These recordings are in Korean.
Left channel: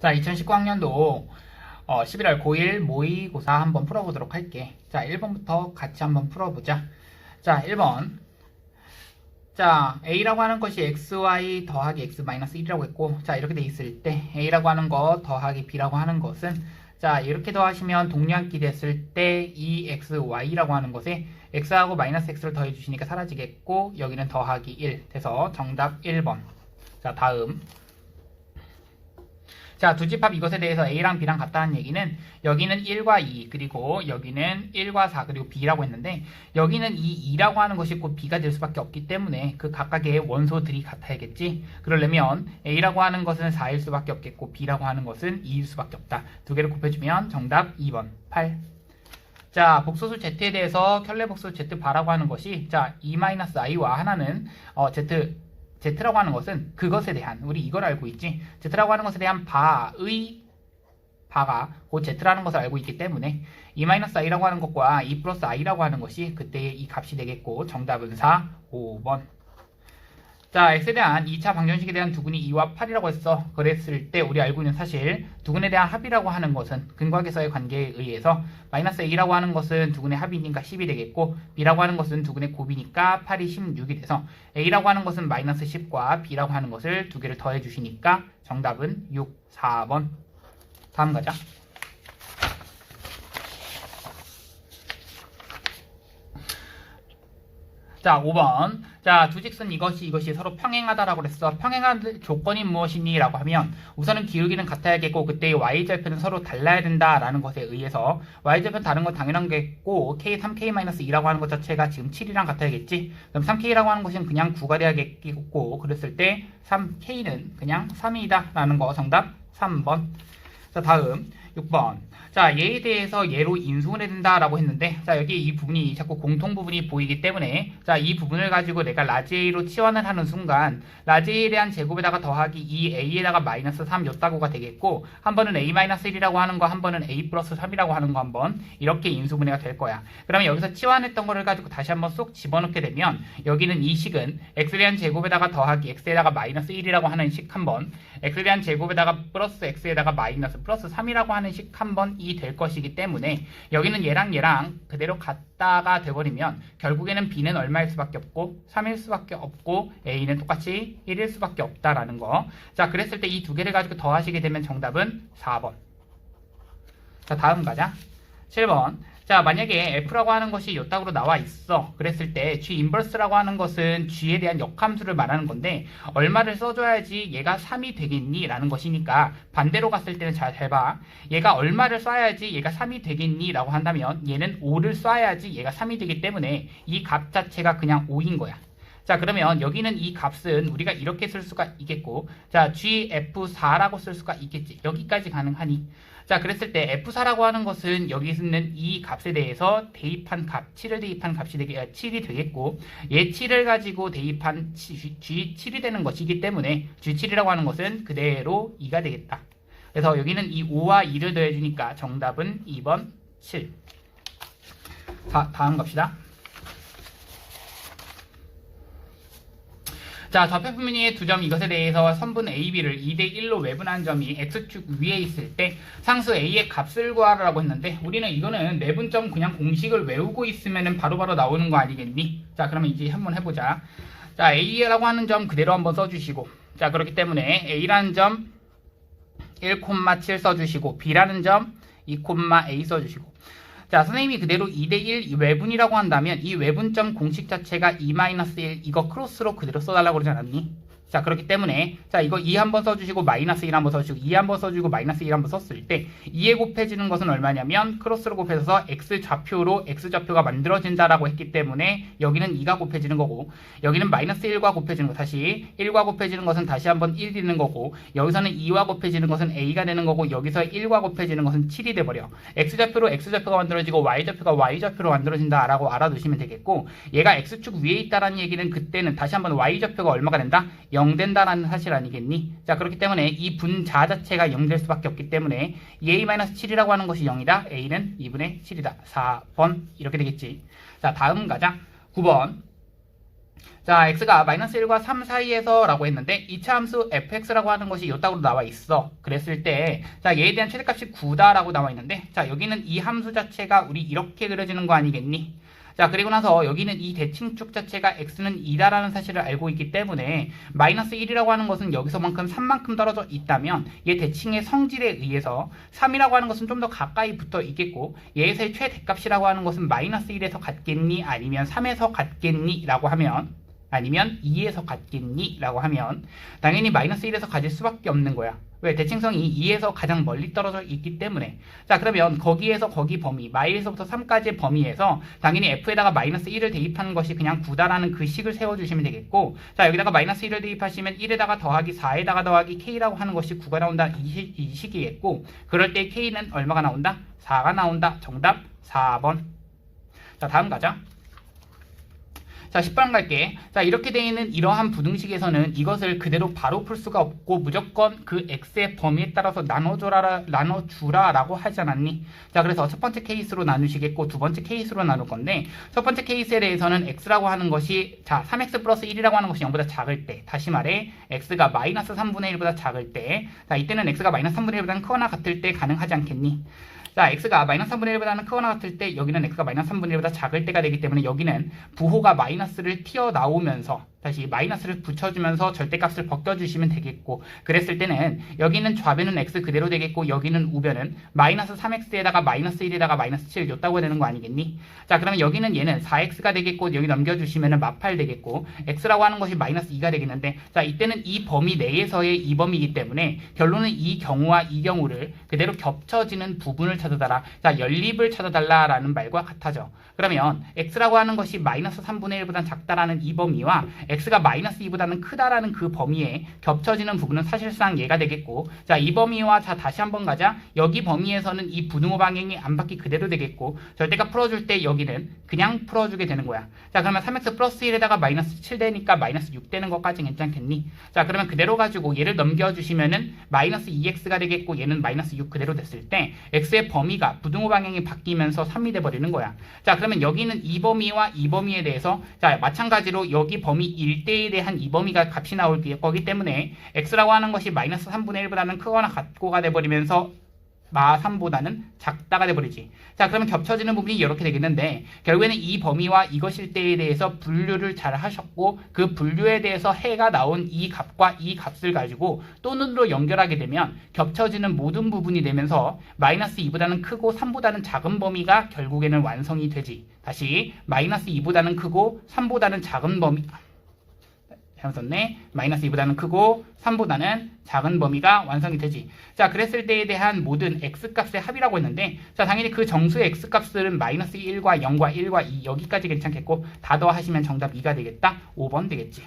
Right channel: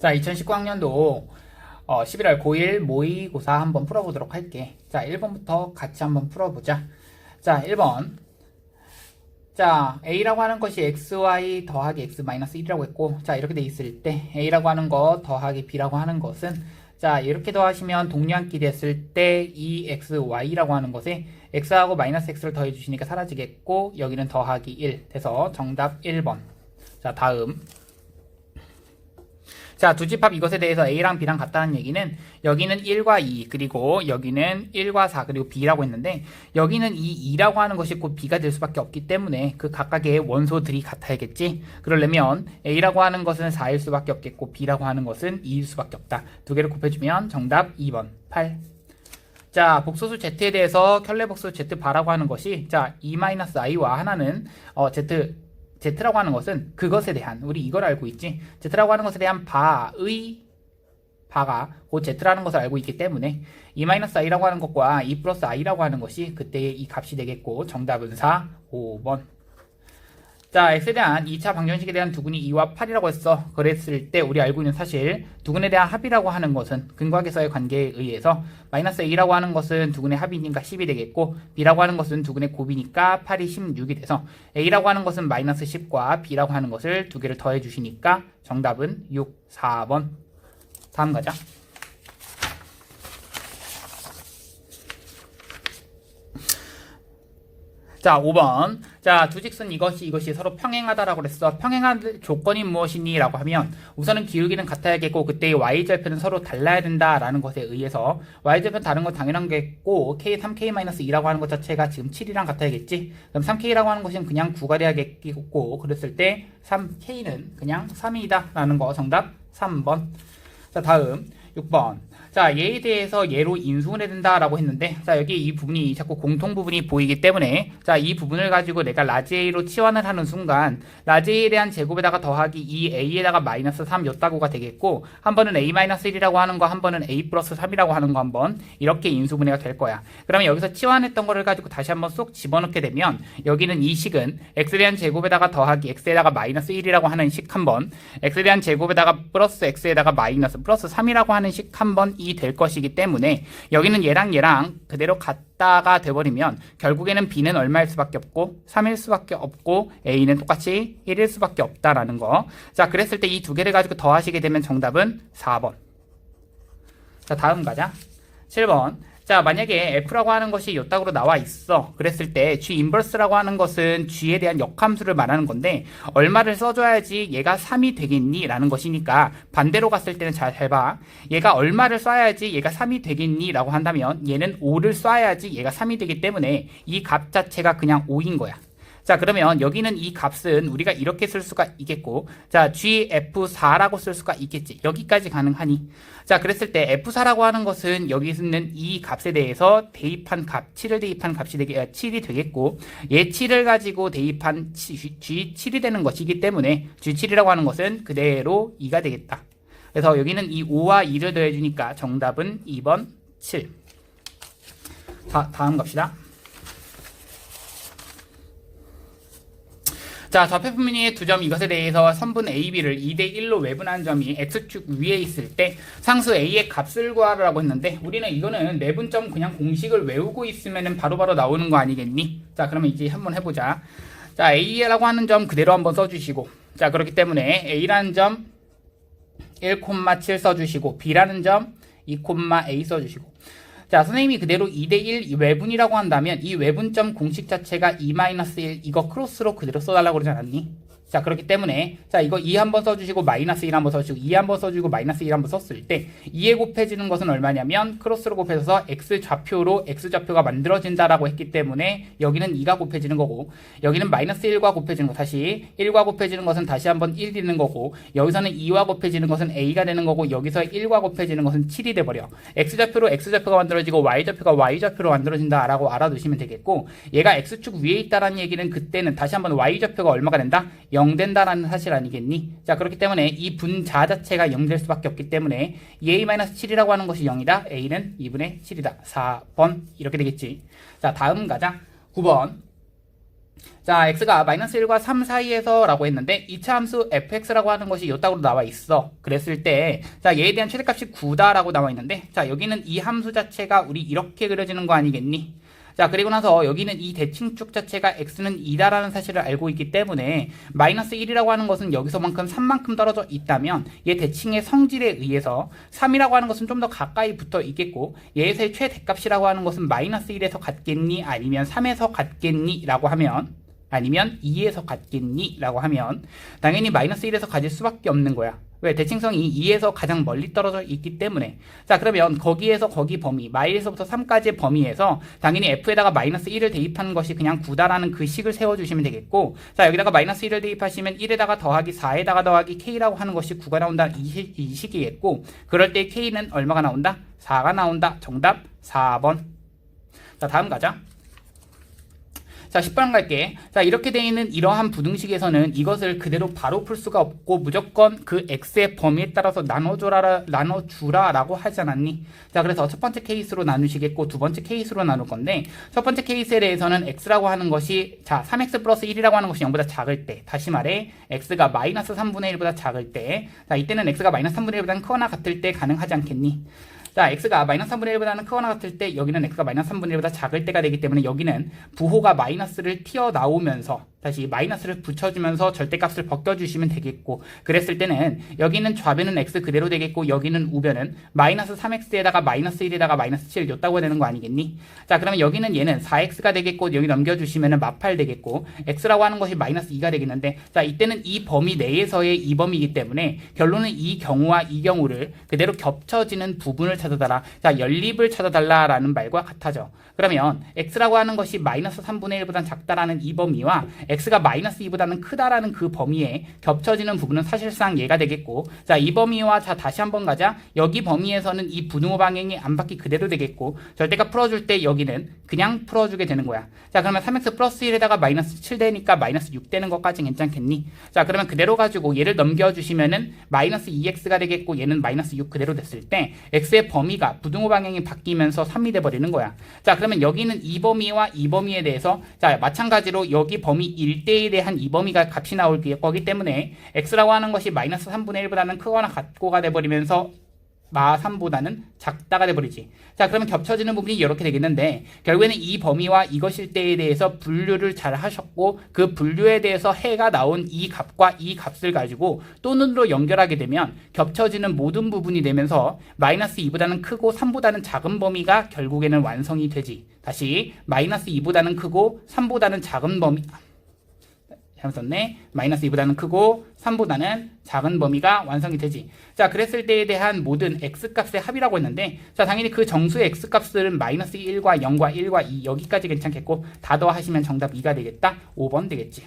자, 2019학년도 어, 11월 고1 모의고사 한번 풀어보도록 할게. 자, 1번부터 같이 한번 풀어보자. 자, 1번. 자, A라고 하는 것이 XY 더하기 X 마이너스 1이라고 했고, 자, 이렇게 돼 있을 때, A라고 하는 거 더하기 B라고 하는 것은, 자, 이렇게 더하시면 동량끼 됐을 때, 2XY라고 하는 것에, X하고 마이너스 X를 더해주시니까 사라지겠고, 여기는 더하기 1 돼서 정답 1번. 자, 다음. 자, 두 집합 이것에 대해서 A랑 B랑 같다는 얘기는 여기는 1과 2, 그리고 여기는 1과 4, 그리고 B라고 했는데 여기는 이 2라고 하는 것이 곧 B가 될 수밖에 없기 때문에 그 각각의 원소들이 같아야겠지. 그러려면 A라고 하는 것은 4일 수밖에 없겠고 B라고 하는 것은 2일 수밖에 없다. 두 개를 곱해주면 정답 2번 8. 자, 복소수 Z에 대해서 켤레 복소수 Z 바라고 하는 것이 자, E-I와 하나는 어, Z Z라고 하는 것은 그것에 대한 우리 이걸 알고 있지. Z라고 하는 것에 대한 바의 바가 곧 Z라는 것을 알고 있기 때문에 E-I라고 하는 것과 E 플러스 I라고 하는 것이 그때의 이 값이 되겠고 정답은 4, 5번. 자, X에 대한 2차 방정식에 대한 두근이 2와 8이라고 했어. 그랬을 때 우리 알고 있는 사실 두근에 대한 합이라고 하는 것은 근각에서의 관계에 의해서 마이너스 A라고 하는 것은 두근의 합이니까 10이 되겠고 B라고 하는 것은 두근의 곱이니까 8이 16이 돼서 A라고 하는 것은 마이너스 10과 B라고 하는 것을 두 개를 더해 주시니까 정답은 6, 4번. 다음 가자. 자, 5번. 자, 두 직선 이것이 이것이 서로 평행하다라고 그랬어. 평행한 조건이 무엇이니? 라고 하면 우선은 기울기는 같아야겠고 그때의 y절편은 서로 달라야 된다라는 것에 의해서 y절편 다른 건 당연한 게고 k 3k-2라고 하는 것 자체가 지금 7이랑 같아야겠지. 그럼 3k라고 하는 것은 그냥 9가 돼야겠고 그랬을 때 3k는 그냥 3이다 라는 거 정답 3번. 자, 다음 6번. 자, 얘에 대해서 얘로 인수분해 된다라고 했는데, 자, 여기 이 부분이 자꾸 공통 부분이 보이기 때문에, 자, 이 부분을 가지고 내가 라지 A로 치환을 하는 순간, 라지 A에 대한 제곱에다가 더하기 2A에다가 마이너스 3 요따구가 되겠고, 한 번은 A 마이너스 1이라고 하는 거, 한 번은 A 플러스 3이라고 하는 거 한 번, 이렇게 인수분해가 될 거야. 그러면 여기서 치환했던 거를 가지고 다시 한번 쏙 집어넣게 되면, 여기는 이 식은 X에 대한 제곱에다가 더하기 X에다가 마이너스 1이라고 하는 식 한 번, X에 대한 제곱에다가 플러스 X에다가 마이너스 플러스 3이라고 하는 식 한 번, 이 될 것이기 때문에 여기는 얘랑 얘랑 그대로 같다가 돼버리면 결국에는 B는 얼마일 수밖에 없고 3일 수밖에 없고 A는 똑같이 1일 수밖에 없다라는 거. 자, 그랬을 때 이 두 개를 가지고 더하시게 되면 정답은 4번. 자, 다음 가자. 7번. 자, 만약에 F라고 하는 것이 요따구로 나와 있어. 그랬을 때 G 인버스라고 하는 것은 G에 대한 역함수를 말하는 건데 얼마를 써줘야지 얘가 3이 되겠니? 라는 것이니까 반대로 갔을 때는 잘, 잘 봐. 얘가 얼마를 써야지 얘가 3이 되겠니? 라고 한다면 얘는 5를 써야지 얘가 3이 되기 때문에 이 값 자체가 그냥 5인 거야. 자 그러면 여기는 이 값은 우리가 이렇게 쓸 수가 있겠고 자 GF4라고 쓸 수가 있겠지. 여기까지 가능하니. 자 그랬을 때 F4라고 하는 것은 여기 있는 이 값에 대해서 대입한 값 7을 대입한 값이 되게 7이 되겠고 얘 7을 가지고 대입한 G7이 되는 것이기 때문에 G7이라고 하는 것은 그대로 2가 되겠다. 그래서 여기는 이 5와 2를 더해주니까 정답은 2번 7 자, 다음 갑시다 자, 좌표표면의 두 점 이것에 대해서 선분 AB를 2대1로 외분한 점이 X축 위에 있을 때 상수 A의 값을 구하라고 했는데 우리는 이거는 내분점 그냥 공식을 외우고 있으면 바로바로 나오는 거 아니겠니? 자, 그러면 이제 한번 해보자. 자, A라고 하는 점 그대로 한번 써주시고 자, 그렇기 때문에 A라는 점 1,7 써주시고 B라는 점 2,A 써주시고 자, 선생님이 그대로 2대1 외분이라고 한다면 이 외분점 공식 자체가 2-1 이거 크로스로 그대로 써달라고 그러지 않았니? 자, 그렇기 때문에 자, 이거 2 한번 써주시고 마이너스 1 한번 써주시고 2 한번 써주고 마이너스 1 한번 썼을 때 2에 곱해지는 것은 얼마냐면 크로스로 곱해서 x 좌표로 x 좌표가 만들어진다라고 했기 때문에 여기는 2가 곱해지는 거고 여기는 마이너스 1과 곱해지는 거 다시 1과 곱해지는 것은 다시 한번 1이 되는 거고 여기서는 2와 곱해지는 것은 a가 되는 거고 여기서 1과 곱해지는 것은 7이 돼버려 x 좌표로 x 좌표가 만들어지고 y 좌표가 y 좌표로 만들어진다라고 알아두시면 되겠고 얘가 x축 위에 있다라는 얘기는 그때는 다시 한번 y 좌표가 얼마가 된다? 0 된다라는 사실 아니겠니? 자 그렇기 때문에 이 분자 자체가 0될 수밖에 없기 때문에 a-7이라고 하는 것이 0이다. a는 2분의 7이다. 4번 이렇게 되겠지. 자 다음 가자. 9번 자, x가 마이너스 1과 3 사이에서 라고 했는데 2차 함수 fx라고 하는 것이 요따구로 나와 있어. 그랬을 때, 자, 얘에 대한 최대값이 9다 라고 나와 있는데, 자, 여기는 이 함수 자체가 우리 이렇게 그려지는 거 아니겠니? 자, 그리고 나서 여기는 이 대칭축 자체가 x는 2다라는 사실을 알고 있기 때문에 마이너스 1이라고 하는 것은 여기서만큼 3만큼 떨어져 있다면 얘 대칭의 성질에 의해서 3이라고 하는 것은 좀 더 가까이 붙어 있겠고 얘에서의 최대값이라고 하는 것은 마이너스 1에서 같겠니? 아니면 3에서 같겠니? 라고 하면 아니면 2에서 같겠니? 라고 하면 당연히 마이너스 1에서 가질 수밖에 없는 거야. 왜? 대칭성이 2에서 가장 멀리 떨어져 있기 때문에. 자, 그러면 거기에서 거기 범위, 마이에서부터 3까지의 범위에서 당연히 f에다가 마이너스 1을 대입하는 것이 그냥 9다라는 그 식을 세워주시면 되겠고, 자, 여기다가 마이너스 1을 대입하시면 1에다가 더하기 4에다가 더하기 k라고 하는 것이 9가 나온다. 이, 시- 이 식이겠고, 그럴 때 k는 얼마가 나온다? 4가 나온다. 정답 4번. 자, 다음 가자. 자, 10번 갈게. 자, 이렇게 되어 있는 이러한 부등식에서는 이것을 그대로 바로 풀 수가 없고 무조건 그 x의 범위에 따라서 나눠줘라, 나눠주라라고 하지 않았니? 자, 그래서 첫 번째 케이스로 나누시겠고 두 번째 케이스로 나눌 건데 첫 번째 케이스에 대해서는 x라고 하는 것이 자, 3x 플러스 1이라고 하는 것이 0보다 작을 때 다시 말해 x가 마이너스 3분의 1보다 작을 때 자, 이때는 x가 마이너스 3분의 1보다는 크거나 같을 때 가능하지 않겠니? 자, x가 마이너스 3분의 1보다는 크거나 같을 때 여기는 x가 마이너스 3분의 1보다 작을 때가 되기 때문에 여기는 부호가 마이너스를 튀어나오면서 다시 마이너스를 붙여주면서 절대값을 벗겨주시면 되겠고 그랬을 때는 여기는 좌변은 x 그대로 되겠고 여기는 우변은 마이너스 3x에다가 마이너스 1에다가 마이너스 7 줬다고 되는 거 아니겠니? 자 그러면 여기는 얘는 4x가 되겠고 여기 넘겨주시면 마팔 되겠고 x라고 하는 것이 마이너스 2가 되겠는데 자 이때는 이 범위 내에서의 이 범위이기 때문에 결론은 이 경우와 이 경우를 그대로 겹쳐지는 부분을 찾아달라 자 연립을 찾아달라라는 말과 같아져 그러면 x라고 하는 것이 마이너스 3분의 1보다 작다라는 이 범위와 x가 마이너스 2보다는 크다라는 그 범위에 겹쳐지는 부분은 사실상 얘가 되겠고 자 이 범위와 자 다시 한번 가자. 여기 범위에서는 이 부등호 방향이 안 바뀌 그대로 되겠고 절대값 풀어줄 때 여기는 그냥 풀어주게 되는 거야. 자 그러면 3x 플러스 1에다가 마이너스 7 되니까 마이너스 6 되는 것까지 괜찮겠니? 자 그러면 그대로 가지고 얘를 넘겨주시면은 마이너스 2x가 되겠고 얘는 마이너스 6 그대로 됐을 때 x의 범위가 부등호 방향이 바뀌면서 3이 돼버리는 거야. 자 그러면 여기는 이 범위와 이 범위에 대해서 자 마찬가지로 여기 범위 1대에 대한 이 범위가 값이 나올 거기 때문에 x라고 하는 것이 마이너스 3분의 1보다는 크거나 같고가 돼버리면서 마 3보다는 작다가 돼버리지. 자 그러면 겹쳐지는 부분이 이렇게 되겠는데 결국에는 이 범위와 이것일 때에 대해서 분류를 잘 하셨고 그 분류에 대해서 해가 나온 이 값과 이 값을 가지고 또는으로 연결하게 되면 겹쳐지는 모든 부분이 되면서 마이너스 2보다는 크고 3보다는 작은 범위가 결국에는 완성이 되지. 다시 마이너스 2보다는 크고 3보다는 작은 범위 잘못 썼네. 마이너스 2보다는 크고 3보다는 작은 범위가 완성이 되지. 자, 그랬을 때에 대한 모든 x값의 합이라고 했는데 자, 당연히 그 정수의 x값들은 마이너스 1과 0과 1과 2 여기까지 괜찮겠고 다 더하시면 정답 2가 되겠다. 5번 되겠지.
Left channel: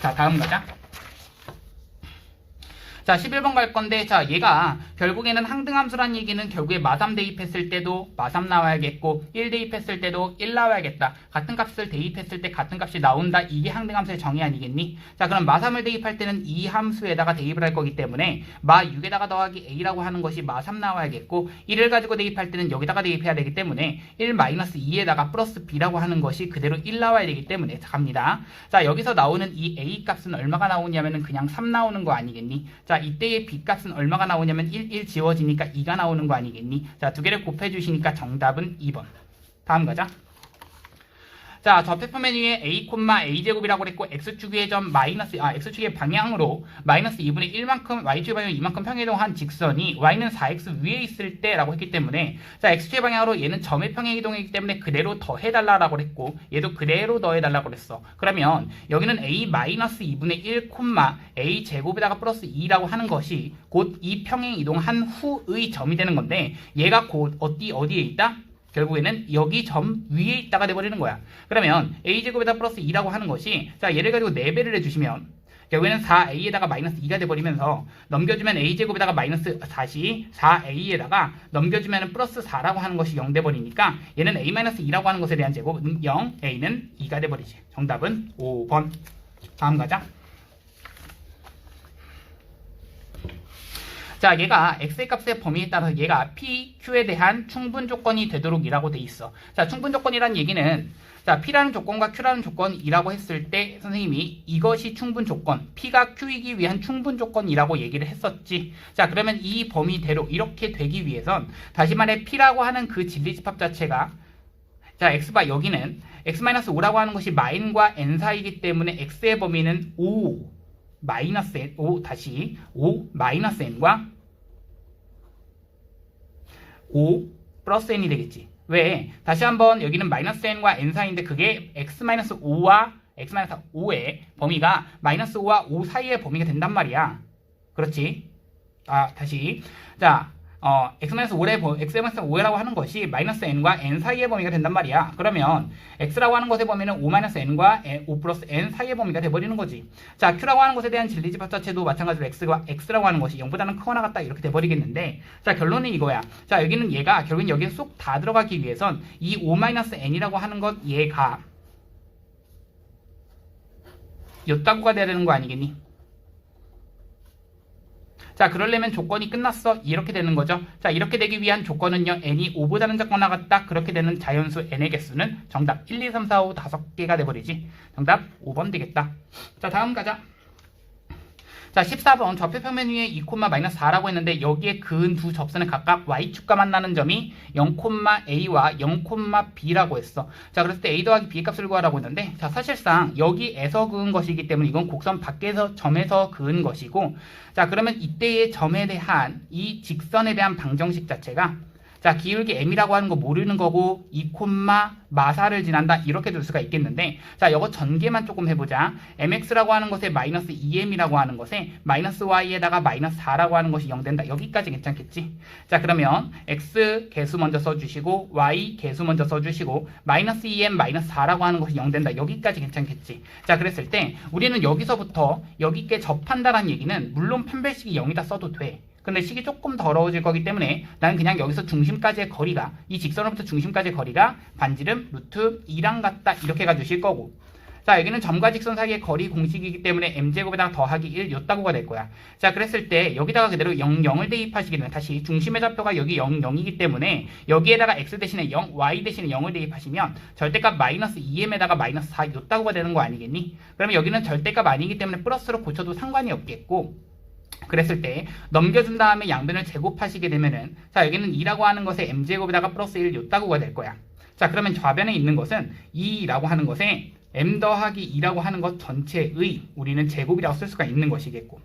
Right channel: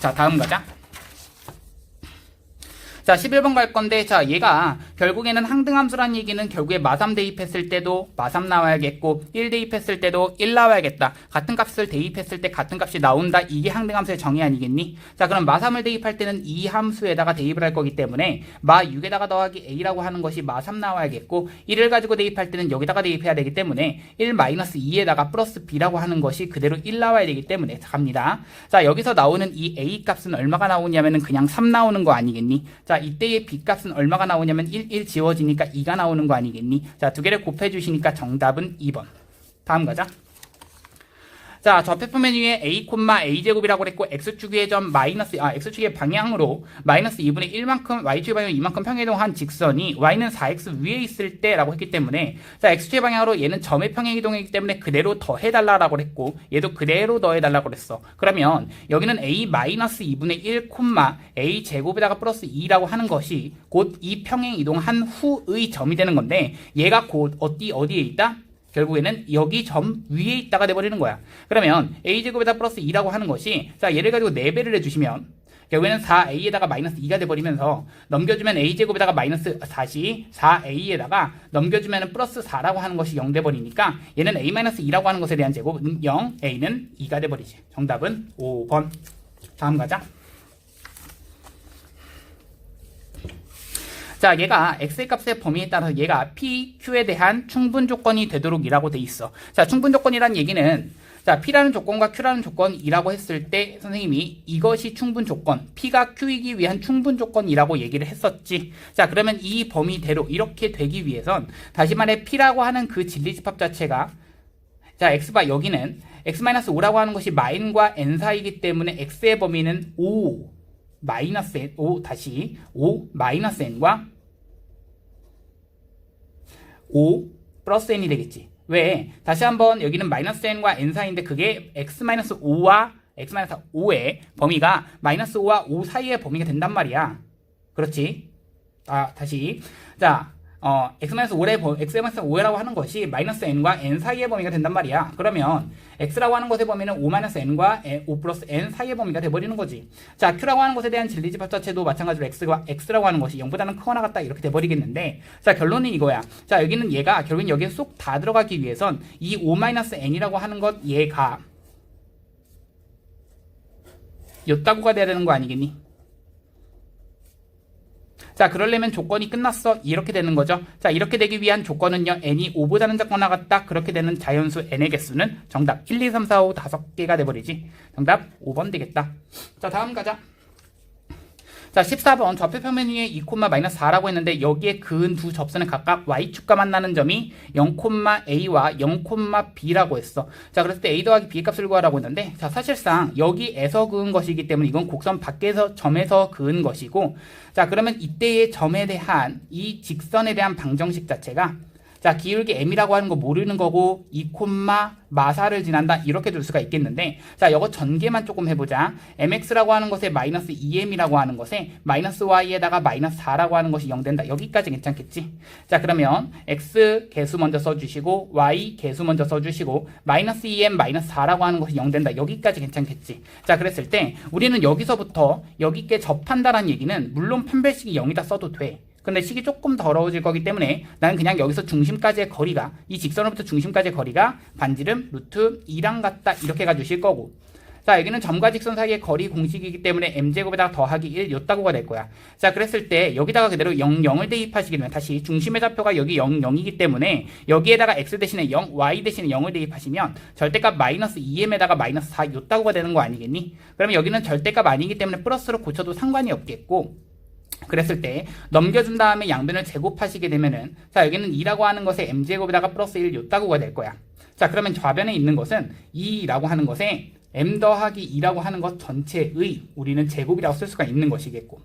자, 다음 가자. 자, 11번 갈 건데, 자, 얘가 결국에는 항등함수란 얘기는 결국에 마삼 대입했을 때도 마삼 나와야겠고, 1 대입했을 때도 1 나와야겠다. 같은 값을 대입했을 때 같은 값이 나온다. 이게 항등함수의 정의 아니겠니? 자, 그럼 마삼을 대입할 때는 이 함수에다가 대입을 할 거기 때문에 마 6에다가 더하기 a라고 하는 것이 마삼 나와야겠고, 1을 가지고 대입할 때는 여기다가 대입해야 되기 때문에 1 마이너스 2에다가 플러스 b라고 하는 것이 그대로 1 나와야 되기 때문에 자, 갑니다. 자, 여기서 나오는 이 a 값은 얼마가 나오냐면은 그냥 3 나오는 거 아니겠니? 자, 이때의 b 값은 얼마가 나오냐면 1, 1 지워지니까 2가 나오는 거 아니겠니? 자, 두 개를 곱해 주시니까 정답은 2번. 다음 가자. 자, 좌표표 메뉴에 a, a 제곱이라고 그랬고 x축의 점 마이너스 아 x축의 방향으로 마이너스 2분의 1만큼 y축의 방향 2만큼 평행이동한 직선이 y는 4x 위에 있을 때라고 했기 때문에 자 x축의 방향으로 얘는 점의 평행이동이기 때문에 그대로 더해달라고 그랬고 얘도 그대로 더해달라고 그랬어. 그러면 여기는 a 마이너스 2분의 1 콤마 a 제곱에다가 플러스 2라고 하는 것이 곧 이 평행이동한 후의 점이 되는 건데 얘가 곧 어디 어디에 있다? 결국에는 여기 점 위에 있다가 돼버리는 거야. 그러면 a제곱에다 플러스 2라고 하는 것이 자 얘를 가지고 4배를 해주시면 결국에는 4a에다가 마이너스 2가 돼버리면서 넘겨주면 a제곱에다가 마이너스 다시 4a에다가 넘겨주면 플러스 4라고 하는 것이 0 돼버리니까 얘는 a-2라고 하는 것에 대한 제곱 은 0, a는 2가 돼버리지. 정답은 5번. 다음 가자. 자, 얘가 x의 값의 범위에 따라서 얘가 p, q에 대한 충분 조건이 되도록 이라고 돼 있어. 자, 충분 조건이란 얘기는 자, P라는 조건과 Q라는 조건이라고 했을 때 선생님이 이것이 충분 조건, P가 Q이기 위한 충분 조건이라고 얘기를 했었지. 자, 그러면 이 범위대로 이렇게 되기 위해선 다시 말해 P라고 하는 그 진리집합 자체가 자, X바 여기는 X-5라고 하는 것이 마인과 N 사이이기 때문에 X의 범위는 5 마이너스 N, 5 다시 5 마이너스 N과 5 플러스 N이 되겠지. 왜? 다시 한번 여기는 마이너스 N과 N 사이인데 그게 X-5와 X-5의 범위가 마이너스 5와 5 사이의 범위가 된단 말이야. 그렇지? 아, 다시. 자, 어, x-5의 범, x-5라고 하는 것이 마이너스 n과 n 사이의 범위가 된단 말이야. 그러면 x라고 하는 것의 범위는 5-n과 5 플러스 n 사이의 범위가 돼버리는 거지. 자, q라고 하는 것에 대한 진리집합 자체도 마찬가지로 x가 x라고 하는 것이 0보다는 크거나 같다 이렇게 돼버리겠는데 자, 결론은 이거야. 자, 여기는 얘가 결국엔 여기에 쏙 다 들어가기 위해선 이 5-n이라고 하는 것 얘가 였다고가 돼야 되는 거 아니겠니? 자, 그러려면 조건이 끝났어. 이렇게 되는 거죠. 자, 이렇게 되기 위한 조건은요. n이 5보다는 작거나 같다. 그렇게 되는 자연수 n의 개수는 정답 1, 2, 3, 4, 5, 5개가 돼버리지. 정답 5번 되겠다. 자, 다음 가자. 자, 14번 좌표 평면 위에 2, 마이너스 4라고 했는데 여기에 그은 두 접선은 각각 y축과 만나는 점이 0,a와 0,b라고 했어. 자, 그랬을 때 a 더하기 b 값을 구하라고 했는데 자, 사실상 여기에서 그은 것이기 때문에 이건 곡선 밖에서 점에서 그은 것이고 자, 그러면 이때의 점에 대한 이 직선에 대한 방정식 자체가 자, 기울기 m이라고 하는 거 모르는 거고 2, 마사를 지난다 이렇게 둘 수가 있겠는데 자, 이거 전개만 조금 해보자. mx라고 하는 것에 마이너스 2m이라고 하는 것에 마이너스 y에다가 마이너스 4라고 하는 것이 0 된다. 여기까지 괜찮겠지? 자, 그러면 x 개수 먼저 써주시고 y 개수 먼저 써주시고 마이너스 2m 마이너스 4라고 하는 것이 0 된다. 여기까지 괜찮겠지? 자, 그랬을 때 우리는 여기서부터 여기께 접한다는 얘기는 물론 펜벨식이 0이다 써도 돼. 근데 식이 조금 더러워질 거기 때문에 나는 그냥 여기서 중심까지의 거리가 이 직선으로부터 중심까지의 거리가 반지름 루트 2랑 같다. 이렇게 가주실 거고. 자 여기는 점과 직선 사이의 거리 공식이기 때문에 m제곱에다가 더하기 1 요따구가 될 거야. 자 그랬을 때 여기다가 그대로 0, 0을 대입하시게 되면 다시 중심의 좌표가 여기 0, 0이기 때문에 여기에다가 x 대신에 0, y 대신에 0을 대입하시면 절대값 마이너스 2m에다가 마이너스 4 요따구가 되는 거 아니겠니? 그러면 여기는 절대값 아니기 때문에 플러스로 고쳐도 상관이 없겠고 그랬을 때 넘겨준 다음에 양변을 제곱하시게 되면은 자 여기는 2라고 하는 것에 m제곱에다가 플러스 1 요따구가 될 거야. 자 그러면 좌변에 있는 것은 2라고 하는 것에 m 더하기 2라고 하는 것 전체의 우리는 제곱이라고 쓸 수가 있는 것이겠고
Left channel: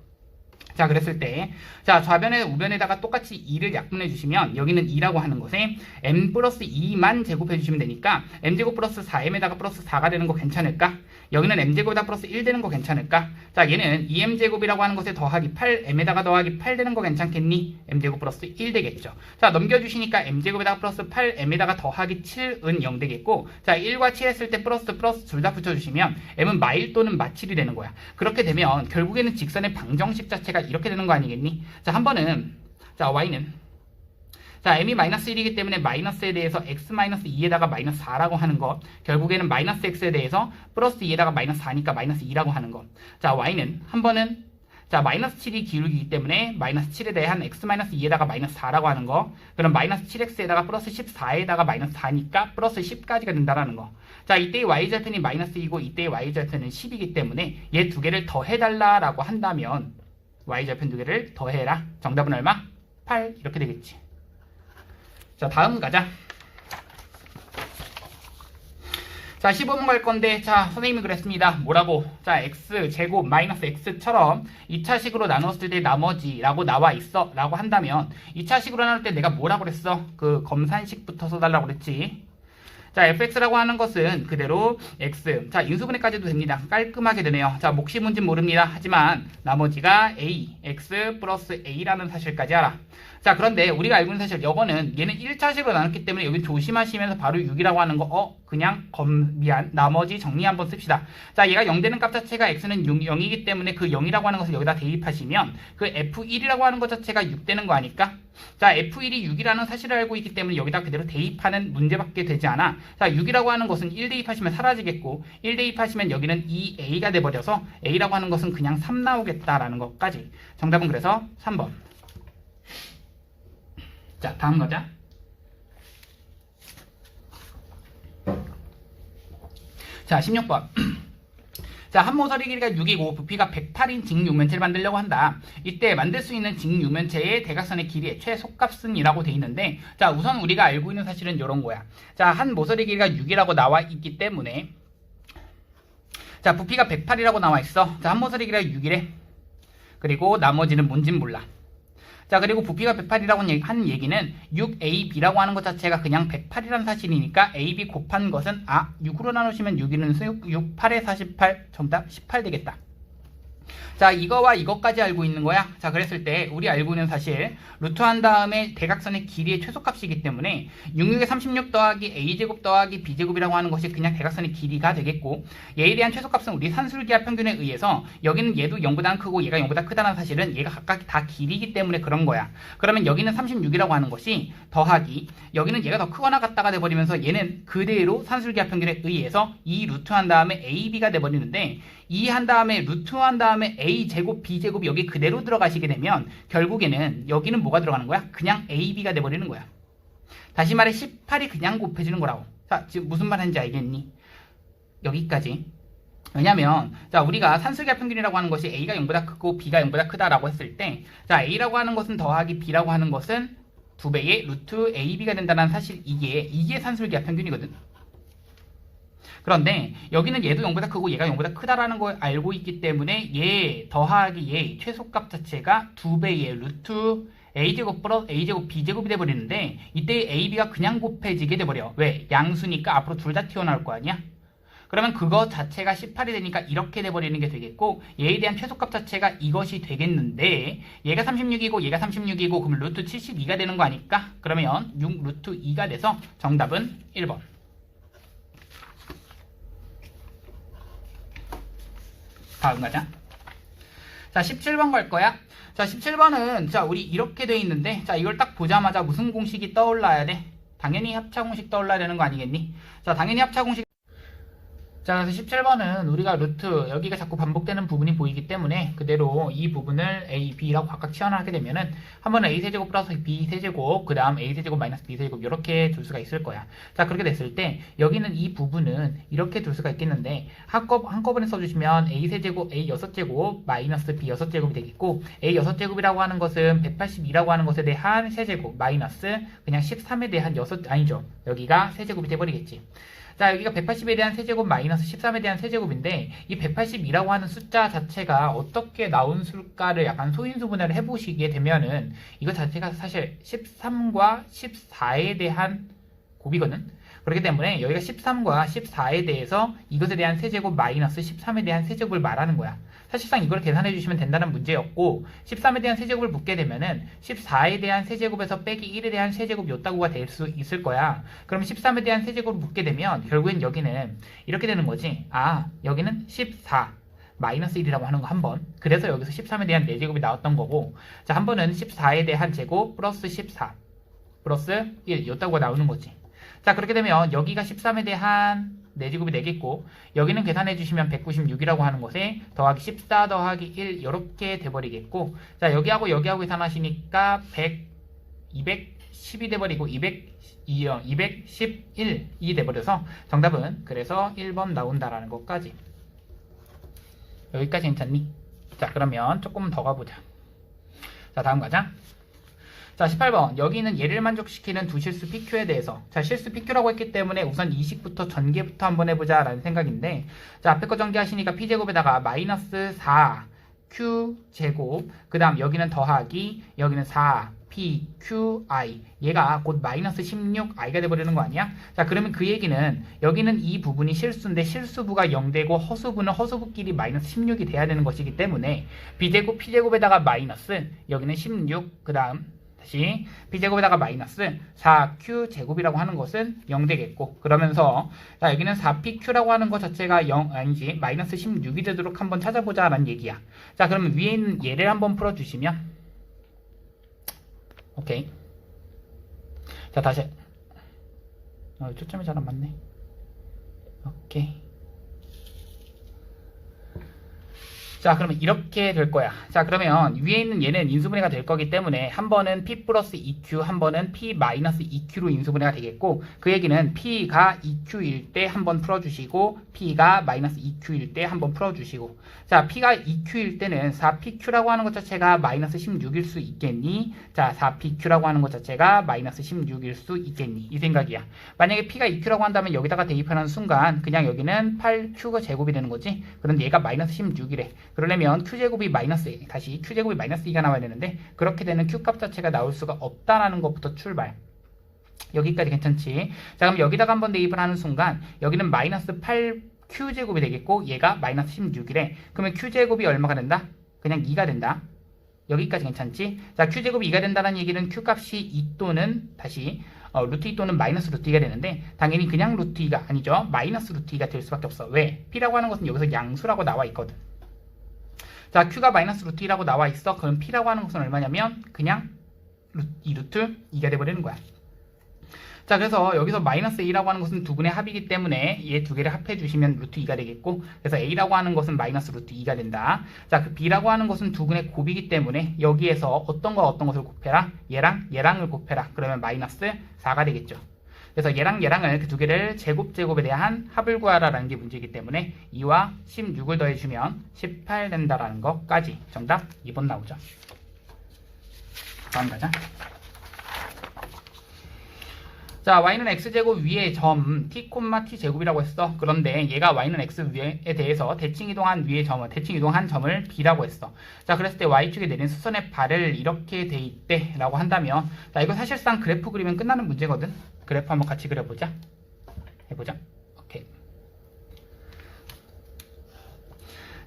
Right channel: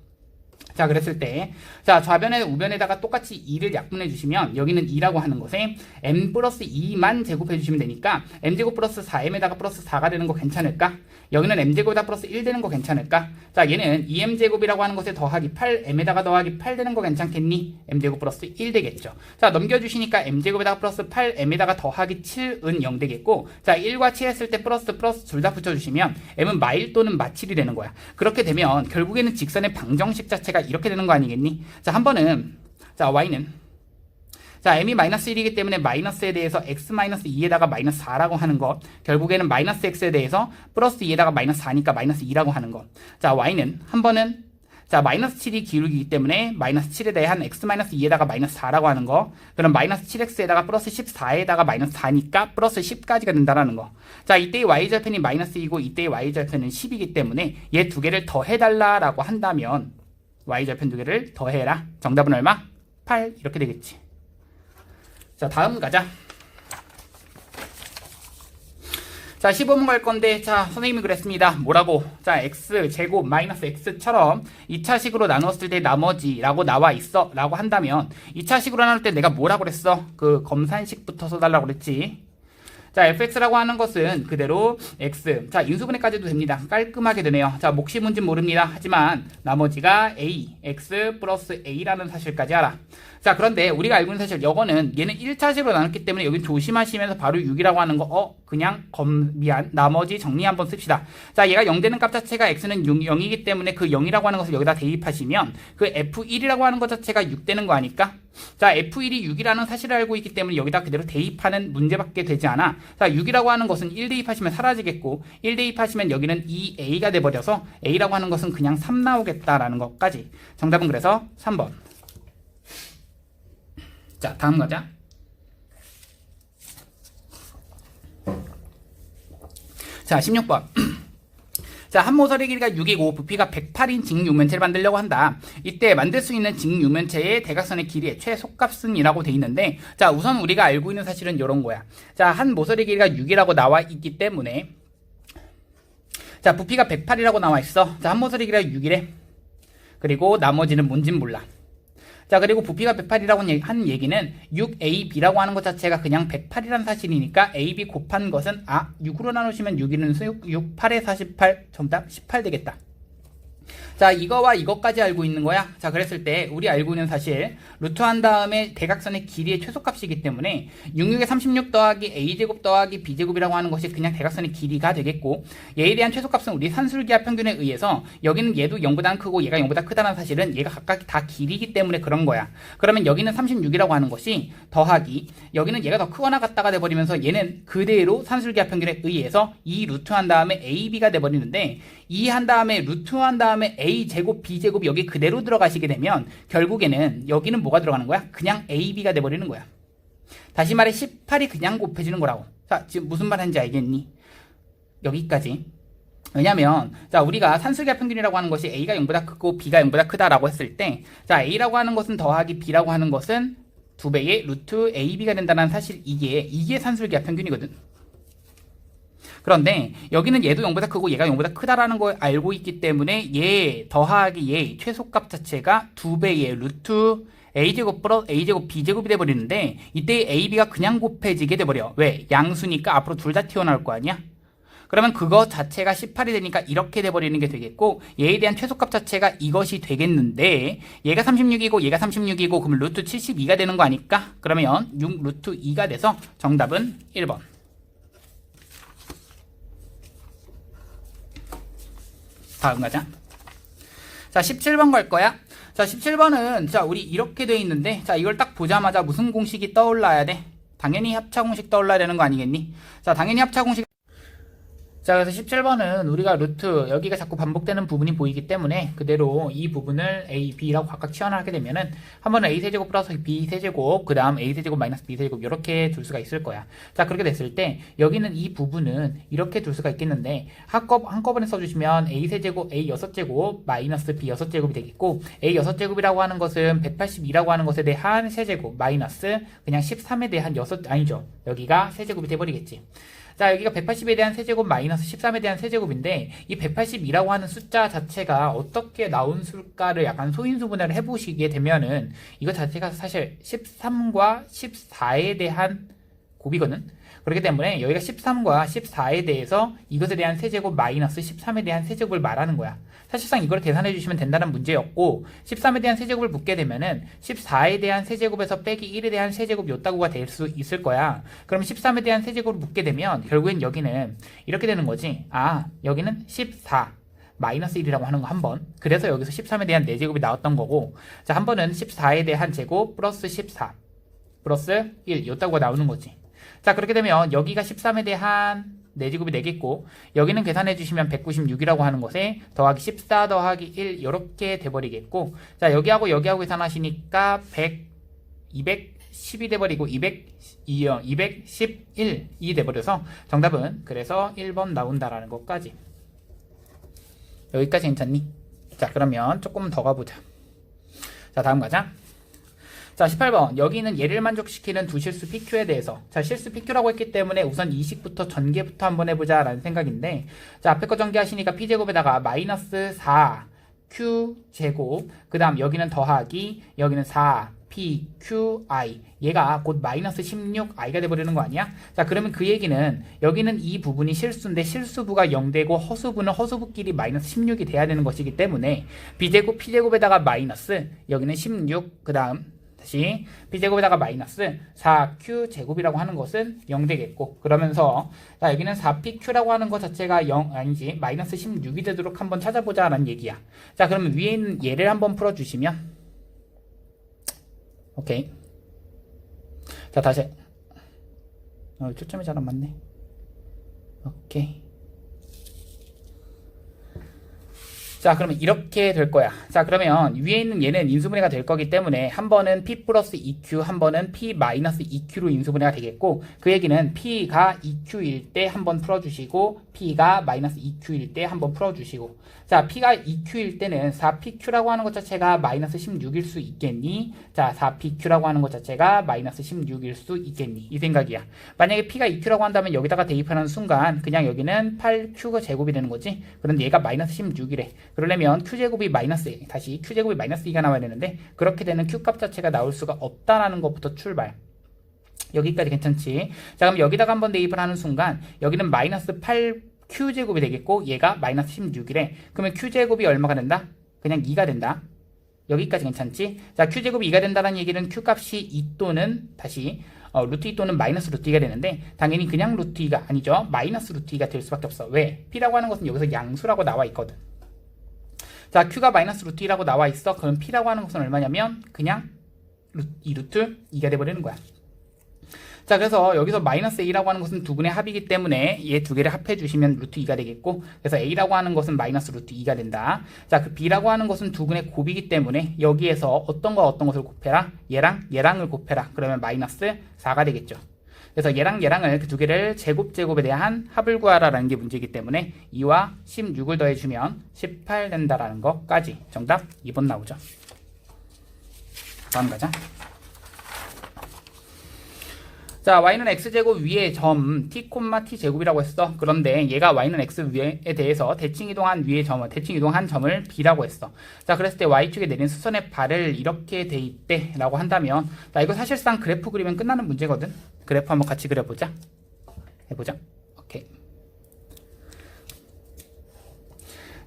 자 그랬을 때 자 좌변에 우변에다가 똑같이 2를 약분해 주시면 여기는 2라고 하는 것에 m 플러스 2만 제곱해 주시면 되니까 m제곱 플러스 4m에다가 플러스 4가 되는 거 괜찮을까? 여기는 m제곱에다 플러스 1 되는 거 괜찮을까? 자 얘는 2m제곱이라고 하는 것에 더하기 8 m에다가 더하기 8 되는 거 괜찮겠니? m제곱 플러스 1 되겠죠 자 넘겨주시니까 m제곱에다가 플러스 8 m에다가 더하기 7은 0 되겠고 자 1과 7 했을 때 플러스 플러스 둘 다 붙여주시면 m은 마일 또는 마칠이 되는 거야 그렇게 되면 결국에는 직선의 방정식 자체가 이렇게 되는 거 아니겠니? 자, 한 번은 자, y는 자, m이 마이너스 1이기 때문에 마이너스에 대해서 x 마이너스 2에다가 마이너스 4라고 하는 것. 결국에는 마이너스 x에 대해서 플러스 2에다가 마이너스 4니까 마이너스 2라고 하는 것. 자, y는 한 번은 자, 마이너스 7이 기울기이기 때문에 마이너스 7에 대한 x 마이너스 2에다가 마이너스 4라고 하는 거. 그럼 마이너스 7x에다가 플러스 14에다가 마이너스 4니까 플러스 10까지가 된다라는 거. 자, 이때의 y절편이 마이너스이고 이때의 y절편은 10이기 때문에 얘 두 개를 더해달라라고 한다면 y절편 두 개를 더해라. 정답은 얼마? 8 이렇게 되겠지. 자 다음 가자. 자 15번 갈 건데 자 선생님이 그랬습니다. 뭐라고? 자 x 제곱 마이너스 x처럼 2차식으로 나눴을 때 나머지라고 나와 있어 라고 한다면 2차식으로 나눌 때 내가 뭐라고 그랬어? 그 검산식부터 써달라고 그랬지. 자, fx라고 하는 것은 그대로 x. 자, 인수분해까지도 됩니다. 깔끔하게 되네요. 자, 몫이 뭔지 모릅니다. 하지만 나머지가 a, x 플러스 a라는 사실까지 알아. 자, 그런데 우리가 알고 있는 사실 이거는 얘는 1차식으로 나눴기 때문에 여기 조심하시면서 바로 6이라고 하는 거, 어, 그냥 검, 미안, 나머지 정리 한번 씁시다. 자, 얘가 0 되는 값 자체가 x는 6, 0이기 때문에 그 0이라고 하는 것을 여기다 대입하시면 그 f1이라고 하는 것 자체가 6 되는 거 아닐까? 자, f1이 6이라는 사실을 알고 있기 때문에 여기다 그대로 대입하는 문제밖에 되지 않아. 자, 6이라고 하는 것은 1 대입하시면 사라지겠고, 1 대입하시면 여기는 2a가 돼버려서 a라고 하는 것은 그냥 3 나오겠다라는 것까지. 정답은 그래서 3번. 자, 다음 가자. 자, 16번. 자, 한 모서리 길이가 6이고 부피가 108인 직육면체를 만들려고 한다. 이때 만들 수 있는 직육면체의 대각선의 길이의 최소값은 이라고 돼 있는데 자, 우선 우리가 알고 있는 사실은 이런 거야. 자, 한 모서리 길이가 6이라고 나와 있기 때문에 자, 부피가 108이라고 나와 있어. 자, 한 모서리 길이가 6이래. 그리고 나머지는 뭔진 몰라. 자, 그리고 부피가 108이라고 한 얘기는 6AB라고 하는 것 자체가 그냥 108이라는 사실이니까 AB 곱한 것은 아, 6으로 나누시면 6이는 6, 6, 8에 48, 정답 18 되겠다. 자, 이거와 이것까지 알고 있는 거야. 자, 그랬을 때 우리 알고 있는 사실 루트 한 다음에 대각선의 길이의 최소값이기 때문에 66에 36 더하기 a제곱 더하기 b제곱이라고 하는 것이 그냥 대각선의 길이가 되겠고 얘에 대한 최소값은 우리 산술기하 평균에 의해서 여기는 얘도 0보다 크고 얘가 0보다 크다는 사실은 얘가 각각 다 길이기 때문에 그런 거야. 그러면 여기는 36이라고 하는 것이 더하기 여기는 얘가 더 크거나 같다가 돼버리면서 얘는 그대로 산술기하 평균에 의해서 이 루트 한 다음에 ab가 돼버리는데 이 한 다음에 루트 한 다음에 a 제곱 b 제곱이 여기 그대로 들어가시게 되면 결국에는 여기는 뭐가 들어가는 거야? 그냥 ab가 돼버리는 거야. 다시 말해 18이 그냥 곱해지는 거라고. 자 지금 무슨 말 하는지 알겠니? 여기까지. 왜냐면 자 우리가 산술기하 평균이라고 하는 것이 a가 0보다 크고 b가 0보다 크다라고 했을 때 자 a라고 하는 것은 더하기 b라고 하는 것은 두 배의 루트 ab가 된다는 사실 이게 이게 산술기하 평균이거든. 그런데 여기는 얘도 0보다 크고 얘가 0보다 크다라는 걸 알고 있기 때문에 얘 더하기 얘 최소값 자체가 두 배의 루트 a제곱 플러스 a제곱 b제곱이 돼버리는데 이때 ab가 그냥 곱해지게 돼버려. 왜? 양수니까 앞으로 둘 다 튀어나올 거 아니야? 그러면 그거 자체가 18이 되니까 이렇게 돼버리는 게 되겠고 얘에 대한 최소값 자체가 이것이 되겠는데 얘가 36이고 얘가 36이고 그럼 루트 72가 되는 거 아닐까? 그러면 6 루트 2가 돼서 정답은 1번. 다음 가자. 자, 17번 갈 거야. 자, 17번은 자, 우리 이렇게 돼 있는데 자, 이걸 딱 보자마자 무슨 공식이 떠올라야 돼? 당연히 합차 공식 떠올라야 되는 거 아니겠니? 자, 당연히 합차 공식 자, 그래서 17번은 우리가 루트 여기가 자꾸 반복되는 부분이 보이기 때문에 그대로 이 부분을 a, b라고 각각 치환하게 되면은 한 번은 a 세제곱 플러스 b 세제곱 그 다음 a 세제곱 마이너스 b 세제곱 이렇게 둘 수가 있을 거야. 자, 그렇게 됐을 때 여기는 이 부분은 이렇게 둘 수가 있겠는데 한꺼, 한꺼번에 써주시면 a 세제곱 a 여섯 제곱 마이너스 b 여섯 제곱이 되겠고 a 여섯 제곱이라고 하는 것은 182라고 하는 것에 대한 세제곱 마이너스 그냥 13에 대한 여섯 아니죠. 여기가 세제곱이 돼버리겠지. 자, 여기가 180에 대한 세제곱 마이너스 13에 대한 세제곱인데 이 182라고 하는 숫자 자체가 어떻게 나온 수일까를 약간 소인수 분해를 해보시게 되면은 이거 자체가 사실 13과 14에 대한 곱이거든. 그렇기 때문에 여기가 13과 14에 대해서 이것에 대한 세제곱 마이너스 13에 대한 세제곱을 말하는 거야. 사실상 이걸 계산해 주시면 된다는 문제였고 13에 대한 세제곱을 묻게 되면은 14에 대한 세제곱에서 빼기 1에 대한 세제곱 요따구가 될 수 있을 거야. 그럼 13에 대한 세제곱을 묻게 되면 결국엔 여기는 이렇게 되는 거지. 아 여기는 14 마이너스 1이라고 하는 거 한 번. 그래서 여기서 13에 대한 4제곱이 나왔던 거고 자 한 번은 14에 대한 제곱 플러스 14 플러스 1 요따구가 나오는 거지. 자 그렇게 되면 여기가 13에 대한 4제곱이 되겠고 여기는 계산해 주시면 196이라고 하는 것에 더하기 14 더하기 1 이렇게 돼버리겠고 자 여기하고 여기하고 계산하시니까 100 210이 돼버리고 200 211이 돼버려서 정답은 그래서 1번 나온다라는 것까지. 여기까지 괜찮니? 자 그러면 조금 더 가보자. 자 다음 가자 자, 18번. 여기는 얘를 만족시키는 두 실수 PQ에 대해서. 자, 실수 PQ라고 했기 때문에 우선 이식부터 전개부터 한번 해보자 라는 생각인데, 자, 앞에 거 전개하시니까 P제곱에다가 마이너스 4 Q제곱, 그 다음 여기는 더하기, 여기는 4 P, Q, I. 얘가 곧 마이너스 16 I가 돼버리는 거 아니야? 자, 그러면 그 얘기는 여기는 이 부분이 실수인데 실수부가 0되고 허수부는 허수부끼리 마이너스 16이 돼야 되는 것이기 때문에 B제곱, P제곱에다가 마이너스, 여기는 16, 그 다음 다시 b제곱에다가 마이너스 4q제곱이라고 하는 것은 0 되겠고 그러면서 자 여기는 4pq라고 하는 것 자체가 0 아니지 마이너스 16이 되도록 한번 찾아보자 라는 얘기야. 자 그러면 위에 있는 얘를 한번 풀어주시면. 오케이. 자 다시. 어, 초점이 잘 안 맞네. 오케이 자, 그러면 이렇게 될 거야. 자, 그러면 위에 있는 얘는 인수분해가 될 거기 때문에 한 번은 P 플러스 EQ, 한 번은 P 마이너스 EQ로 인수분해가 되겠고, 그 얘기는 P가 EQ일 때 한 번 풀어주시고, P가 마이너스 EQ일 때 한 번 풀어주시고, 자, P가 EQ일 때는 4PQ라고 하는 것 자체가 마이너스 16일 수 있겠니? 자, 4PQ라고 하는 것 자체가 마이너스 16일 수 있겠니? 이 생각이야. 만약에 P가 EQ라고 한다면 여기다가 대입하는 순간 그냥 여기는 8Q가 제곱이 되는 거지. 그런데 얘가 마이너스 16이래. 그러려면 Q제곱이 마이너스, 다시 Q제곱이 마이너스 2가 나와야 되는데 그렇게 되는 Q값 자체가 나올 수가 없다라는 것부터 출발. 여기까지 괜찮지? 자, 그럼 여기다가 한번 대입을 하는 순간 여기는 마이너스 8 q제곱이 되겠고 얘가 마이너스 16이래. 그러면 q제곱이 얼마가 된다? 그냥 2가 된다. 여기까지 괜찮지? 자, q제곱이 2가 된다는 얘기는 q값이 2 또는 다시 어, 루트 2 또는 마이너스 루트 2가 되는데 당연히 그냥 루트 2가 아니죠. 마이너스 루트 2가 될 수밖에 없어. 왜? p라고 하는 것은 여기서 양수라고 나와 있거든. 자, q가 마이너스 루트 2라고 나와 있어. 그럼 p라고 하는 것은 얼마냐면 그냥 루, 2 루트 2가 돼버리는 거야. 자 그래서 여기서 마이너스 a라고 하는 것은 두 분의 합이기 때문에 얘 두 개를 합해 주시면 루트 2가 되겠고 그래서 a라고 하는 것은 마이너스 루트 2가 된다. 자 그 b라고 하는 것은 두 분의 곱이기 때문에 여기에서 어떤 거 어떤 것을 곱해라? 얘랑 얘랑을 곱해라. 그러면 마이너스 4가 되겠죠. 그래서 얘랑 얘랑을 그 두 개를 제곱 제곱에 대한 합을 구하라라는 게 문제이기 때문에 2와 16을 더해주면 18 된다라는 것까지. 정답 2번 나오죠. 다음 가자 자, y는 x제곱 위에 점 t, t제곱이라고 했어. 그런데 얘가 y는 x 위에 대해서 대칭 이동한 위의 점을 대칭 이동한 점을 b라고 했어. 자, 그랬을 때 y축에 내린 수선의 발을 이렇게 돼 있대라고 한다면 자, 이거 사실상 그래프 그리면 끝나는 문제거든. 그래프 한번 같이 그려 보자. 해 보자. 오케이.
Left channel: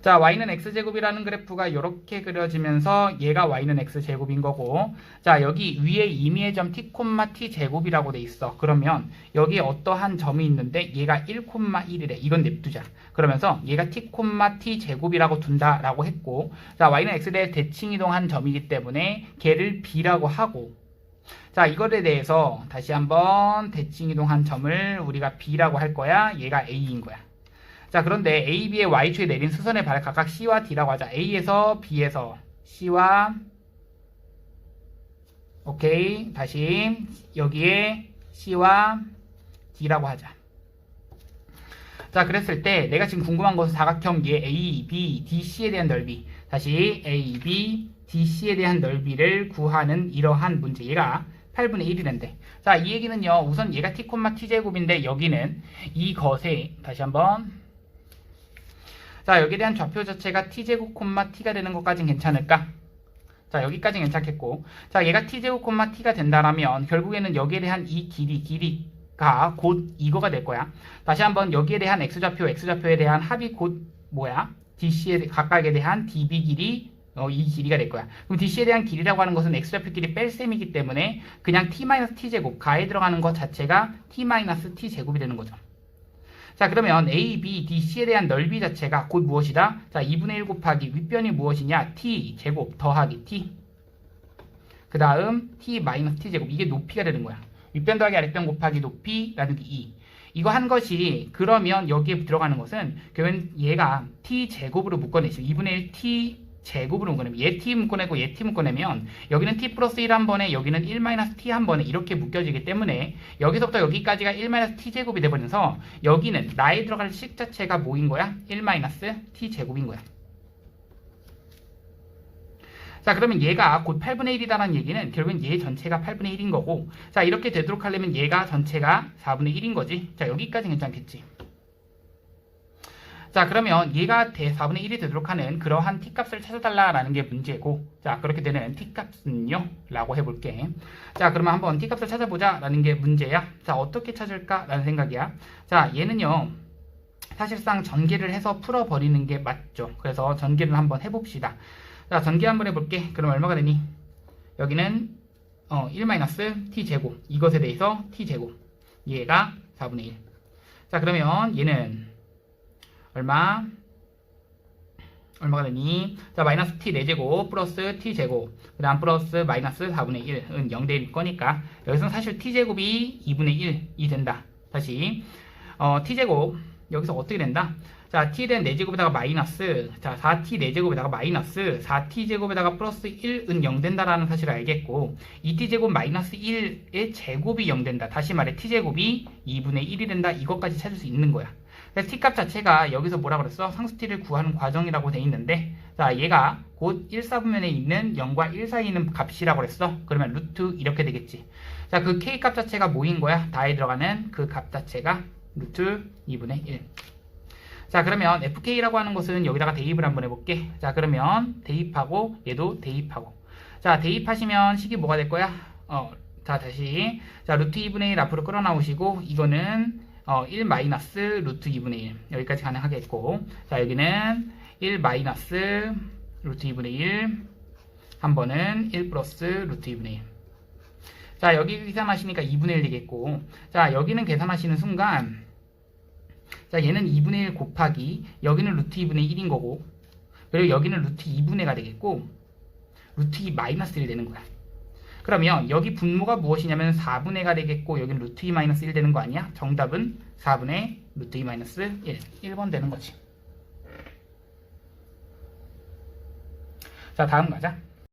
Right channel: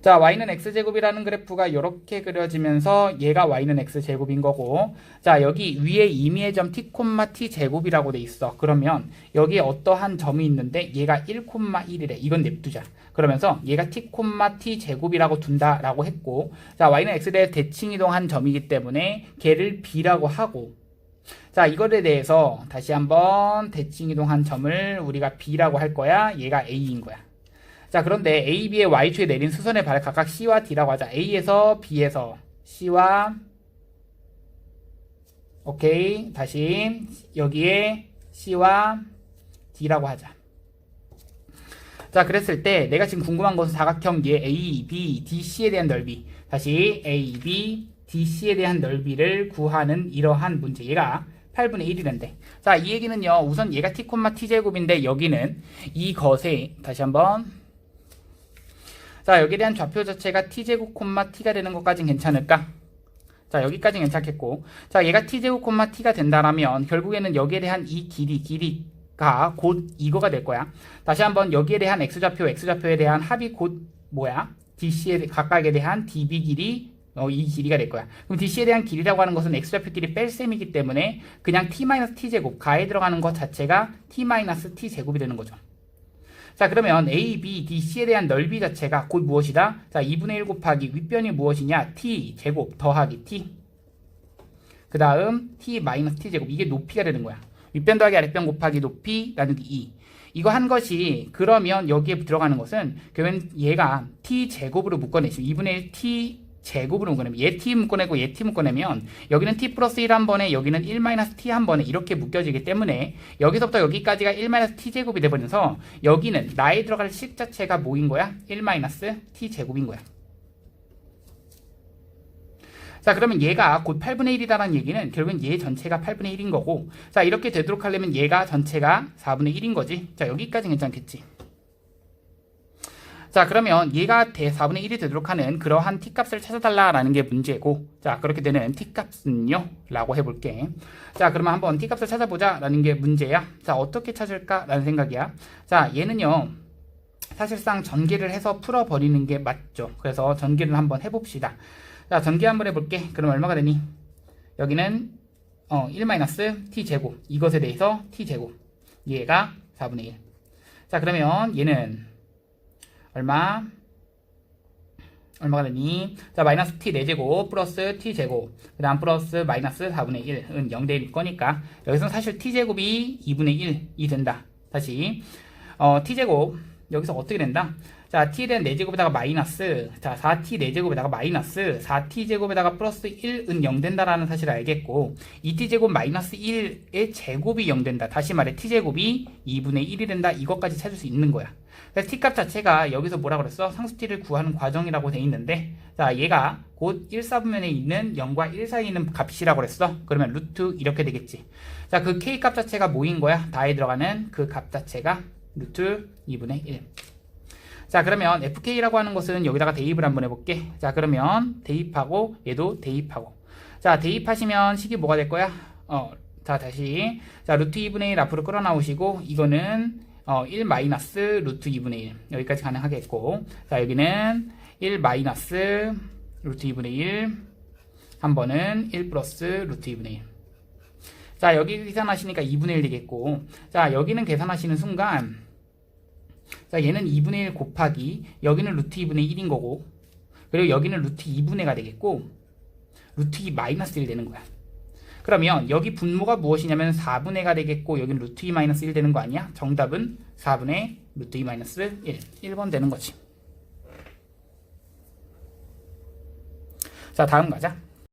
자, y는 x제곱이라는 그래프가 이렇게 그려지면서 얘가 y는 x제곱인 거고 자, 여기 위에 임의의 점 t, t제곱이라고 돼 있어. 그러면 여기에 어떠한 점이 있는데 얘가 1,1이래. 이건 냅두자. 그러면서 얘가 t, t제곱이라고 둔다라고 했고 자, y는 x에 대칭 이동한 점이기 때문에 걔를 b라고 하고 자, 이거에 대해서 다시 한번 대칭 이동한 점을 우리가 b라고 할 거야. 얘가 a인 거야. 자 그런데 A, B의 Y축에 내린 수선의 발을 각각 C와 D라고 하자. A에서 B에서. C와 오케이. 다시 여기에 C와 D라고 하자. 자 그랬을 때 내가 지금 궁금한 것은 사각형기의 A, B, DC에 대한 넓이. 다시 A, B, DC에 대한 넓이를 구하는 이러한 문제 얘가 8분의 1이란데 자 이 얘기는요 우선 얘가 T, T제곱인데 여기는 이것에 다시 한번 자 여기에 대한 좌표 자체가 t제곱 콤마 t가 되는 것까진 괜찮을까? 자 여기까지 괜찮겠고 자 얘가 t제곱 콤마 t가 된다라면 결국에는 여기에 대한 이 길이 길이가 곧 이거가 될 거야 다시 한번 여기에 대한 x좌표 x좌표에 대한 합이 곧 뭐야? dc에 각각에 대한 db 길이 어, 이 길이가 될 거야. 그럼 DC에 대한 길이라고 하는 것은 x좌표끼리 뺄셈이기 때문에 그냥 t-t제곱 가에 들어가는 것 자체가 t-t제곱이 되는 거죠. 자 그러면 A, B, D, C에 대한 넓이 자체가 곧 무엇이다? 자 2분의 1 곱하기 윗변이 무엇이냐? T 제곱 더하기 T 그 다음 T 마이너스 T 제곱 이게 높이가 되는 거야 윗변 더하기 아랫변 곱하기 높이 나누기 2 이거 한 것이 그러면 여기에 들어가는 것은 그러면 얘가 T 제곱으로 묶어내시면 2분의 1 T 제곱으로 얘 t 묶어내고 얘 t 묶어내면 여기는 t 플러스 1 한 번에 여기는 1 마이너스 t 한 번에 이렇게 묶여지기 때문에 여기서부터 여기까지가 1 마이너스 t 제곱이 돼버려서 여기는 나에 들어갈 식 자체가 뭐인 거야? 1 마이너스 t 제곱인 거야. 자 그러면 얘가 곧 8분의 1이다라는 얘기는 결국엔 얘 전체가 8분의 1인 거고 자 이렇게 되도록 하려면 얘가 전체가 4분의 1인 거지 자 여기까지 괜찮겠지 자 그러면 얘가 대 4분의 1이 되도록 하는 그러한 t값을 찾아달라라는 게 문제고 자 그렇게 되는 t값은요? 라고 해볼게. 자 그러면 한번 t값을 찾아보자 라는 게 문제야. 자 어떻게 찾을까 라는 생각이야. 자 얘는요 사실상 전개를 해서 풀어버리는 게 맞죠. 그래서 전개를 한번 해봅시다. 자 전개 한번 해볼게. 그럼 얼마가 되니? 여기는 어, 1-t제곱. 이것에 대해서 t제곱. 얘가 4분의 1 자 그러면 얘는 얼마? 얼마가 되니? 자, 마이너스 t 4제곱 플러스 t 제곱 그 다음 플러스 마이너스 4분의 1은 0 대일 거니까 여기서는 사실 t 제곱이 2분의 1이 된다. 다시 어, t 제곱 여기서 어떻게 된다? 자, t에 대한 4제곱에다가 마이너스, 자, 4t 4제곱에다가 마이너스, 4t 제곱에다가 플러스 1은 0 된다라는 사실을 알겠고, 2t 제곱 마이너스 1의 제곱이 0 된다. 다시 말해, t 제곱이 2분의 1이 된다. 이것까지 찾을 수 있는 거야. 그래서 t 값 자체가 여기서 뭐라 그랬어? 상수 t를 구하는 과정이라고 돼 있는데, 자, 얘가 곧 1, 4분면에 있는 0과 1 사이에 있는 값이라고 그랬어. 그러면 루트 이렇게 되겠지. 자, 그 k 값 자체가 뭐인 거야? 다에 들어가는 그 값 자체가 루트 2분의 1. 자, 그러면 fk라고 하는 것은 여기다가 대입을 한번 해볼게. 자, 그러면 대입하고 얘도 대입하고. 자, 대입하시면 식이 뭐가 될 거야? 어, 자, 다시. 자, 루트 2분의 1 앞으로 끌어나오시고, 이거는 어, 1 마이너스 루트 2분의 1. 여기까지 가능하겠고. 자, 여기는 1 마이너스 루트 2분의 1. 한 번은 1 플러스 루트 2분의 1. 자, 여기 계산하시니까 2분의 1 되겠고. 자, 여기는 계산하시는 순간, 자, 얘는 2분의 1 곱하기, 여기는 루트 2분의 1인 거고, 그리고 여기는 루트 2분의 가 되겠고, 루트 2 마이너스 1 되는 거야. 그러면 여기 분모가 무엇이냐면 4분의 가 되겠고, 여기는 루트 2 마이너스 1 되는 거 아니야? 정답은 4분의 루트 2 마이너스 1. 1번 되는 거지. 자, 다음 가자.